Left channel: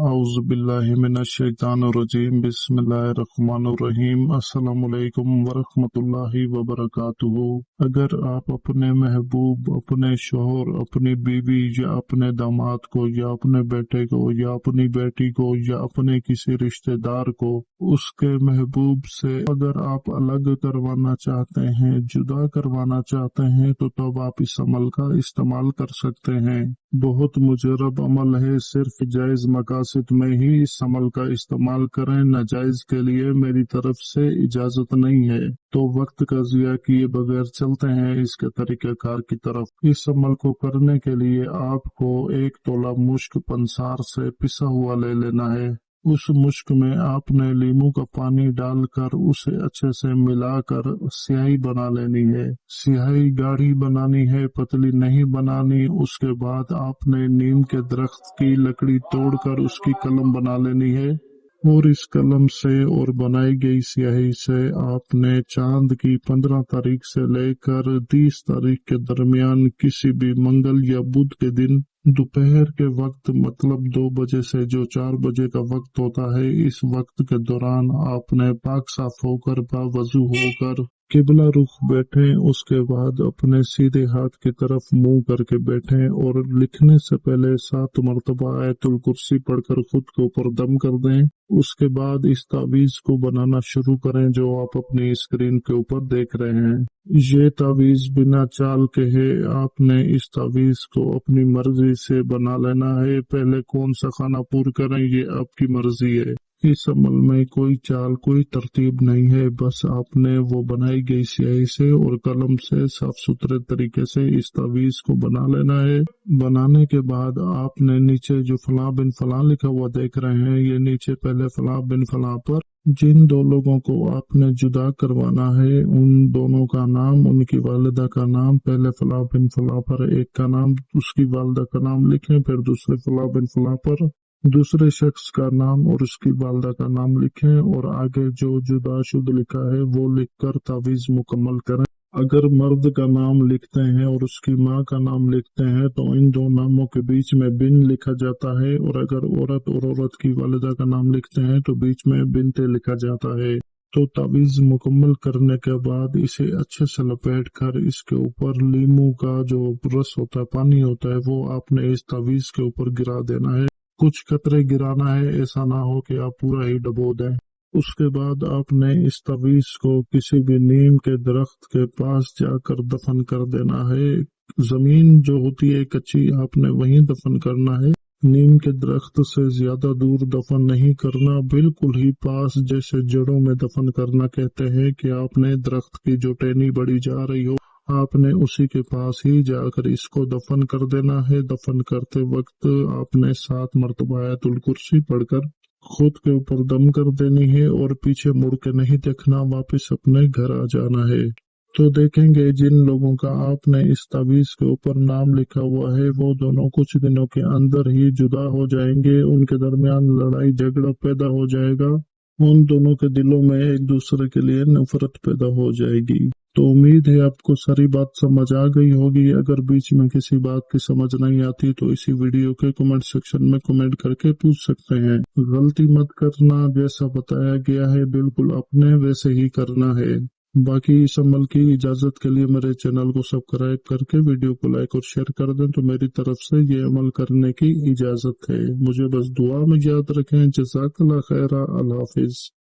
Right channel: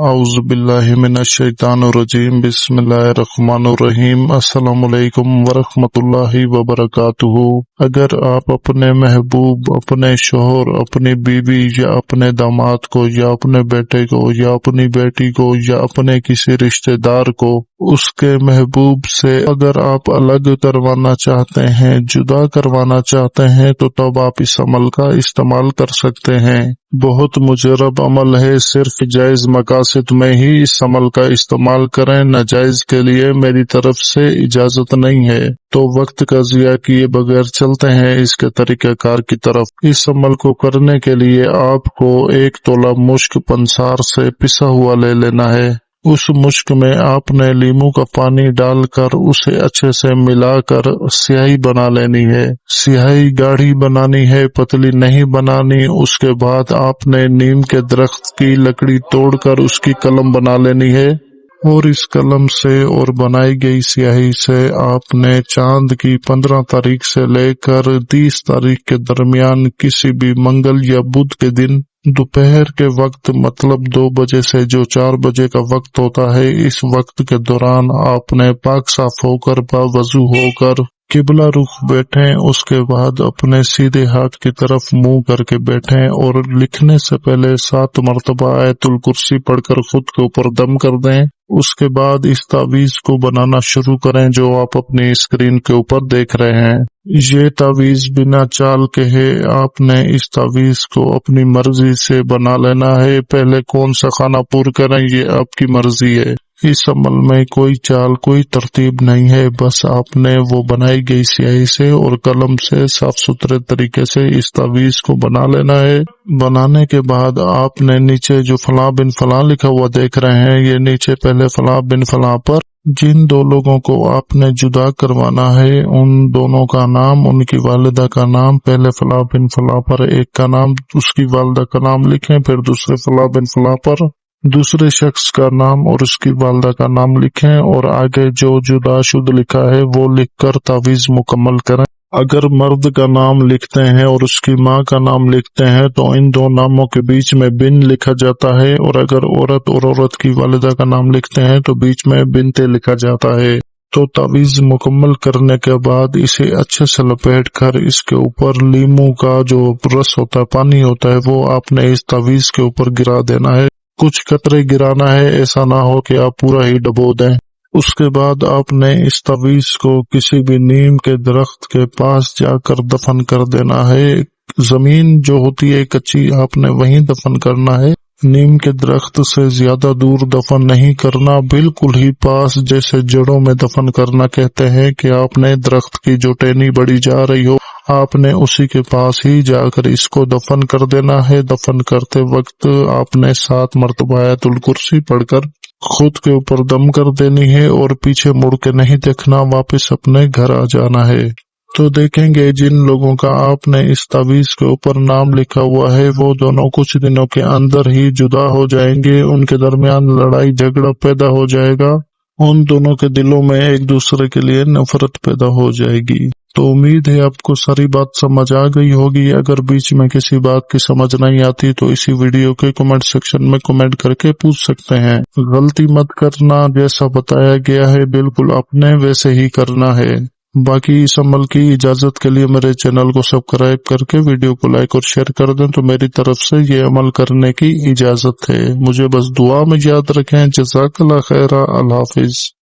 अऊज़ु बिल्लाहि मिनश्शैतानिर्रजीम बिस्मिल्लाहिर्रहमानिर्रहीम अस्सलामु अलैकुम वरहमतुल्लाहि वबरकातुहू। अगर आप अपने महबूब, अपने शोहर, अपनी बीवी या अपने दामाद को या अपने बेटे को या अपनी बेटी को या अपने किसी रिश्तेदार को उसके महबूब से अगर आप अलग करवाना चाहते हैं, जुदा करवाना चाहते हैं, तो तब आप इस अमल का इस्तेमाल कर सकते हैं। बहुत मुजरब अमल है, सिर्फ जायज मकासद में ही इस अमल का इस्तेमाल करें, नाजायज के लिए मेरी तरफ से इजाजत नहीं है। तो वक्त का ज़िया किए बगैर चलते हैं इसके तरीक़ाकार की तरफ। इस अमल को करने के लिए आपको 1 तोला मुश्क पंसार से पिसा हुआ ले लेना है। उस मुश्क में आपने लीमू का पानी डालकर उसे अच्छे से मिलाकर स्याही बना लेनी है। स्याही गाढ़ी बनानी है, पतली नहीं बनानी। उसके बाद आपने नीम के दरख्त की लकड़ी तोड़कर उसकी कलम बना लेनी है और इस कलम से और बनाई गई स्याही से आपने चांद की 15 तारीख से लेकर 30 तारीख के दरमियान किसी भी मंगल या बुध के दिन दोपहर के वक्त, मतलब 2 बजे से जो 4 बजे का वक्त होता है, इस वक्त के दौरान आपने पाक साफ होकर बावजू होकर किबला रुख बैठें। उसके बाद अपने सीधे हाथ की तरफ मुंह करके बैठें और लिखने से पहले 7 मरतबा आयतुल कुर्सी पढ़कर खुद के ऊपर दम कर दें। उसके बाद इस तावीज को बनाना शुरू करें जो आप अपनी स्क्रीन के ऊपर देख रहे हैं। ये तावीज बिना चाल के है। आपने इस तावीज को अपनी मर्जी से बना लेना है। पहले कौन सा खाना पूरा करें ये आपकी मर्जी है। इस अमल में कोई चाल, कोई तरतीब नहीं है। बस आपने वो बनाई गई स्याही से और कलम से साफ सुथरे तरीके से इस तावीज को बना लेना है। बनाने के बाद आपने नीचे जो फलां बिन फलां लिखा हुआ देख रहे हैं, ये नीचे पहले फलां बिन फलां पर जिन 2 लोगों को आपने जुदा करवाना है उन दोनों का नाम, उनकी वालिदा का नाम, पहले फलां बिन फलां पर एक का नाम, उसकी वालिदा का नाम लिखें। फिर दूसरे फलां बिन फलां पर दूसरे शख्स का नाम और उसकी वालिदा का नाम लिखें और आगे जो जुदाशुदा लिखा है वो लिखकर तावीज मुकम्मल करें। अगर मर्द का नाम लिखते हैं और उसकी माँ का नाम लिखते हैं तो इन 2 नामों के बीच में बिन लिखा जाता है, और अगर औरत और औरत की वालिदा का नाम लिखते हैं तो बीच में बिनते लिखा जाता है। तो तावीज मुकम्मल करने के बाद इसे अच्छे से लपेट कर इसके ऊपर लीमू का जो रस होता है, पानी होता है, वो आपने इस तावीज के ऊपर गिरा देना है। कुछ कतरे गिराना है, ऐसा ना हो कि आप पूरा ही डबो दें। उसके बाद आपने इस तावीज को किसी भी नीम के दरख्त के पास जाकर दफन कर देना है। जमीन जो होती है कच्ची, आपने वहीं दफन करना है। नीम के दरख्त से ज्यादा दूर दफन नहीं करना, बिल्कुल ही पास, जैसे जड़ों में दफन करना कहते हैं कि आपने दरख्त की जो टहनी बड़ी जा रही हो, आपने उसी के पास ही जाकर इसको दफन कर देना है। दफन करते वक्त आपने 7 मरतबा आयतुल कुर्सी पढ़कर खुद के ऊपर दम कर देनी है और पीछे मुड़ के नहीं देखना, वापस अपने घर आ जाना है। तो देखेंगे जिन लोगों का आपने इस तावीज के ऊपर नाम लिखा हुआ है वो दोनों कुछ दिनों के अंदर ही जुदा हो जाएंगे। उनके दरमियान लड़ाई झगड़ा पैदा हो जाएगा। उन दोनों के दिलों में एक दूसरे के लिए नफरत पैदा हो जाएगी। तो उम्मीद है आपको सारी बात समझ आ गई होगी। अगर बीच में किसी बात की समझ नहीं आती तो इसी वीडियो के कमेंट सेक्शन में कमेंट करके पूछ सकते हैं। गलती मत करना, जैसा बताया गया है बिल्कुल अपने वैसे ही करना है। बाकी इस अमल की इजाजत के लिए मेरे चैनल को सब्सक्राइब करके वीडियो को लाइक और शेयर कर दें तो मेरी तरफ से ये अमल करने की इजाजत है। मुझे बस दुआ में याद रखें। जज़ाकल्लाह खैरा। अल्लाह हाफिज।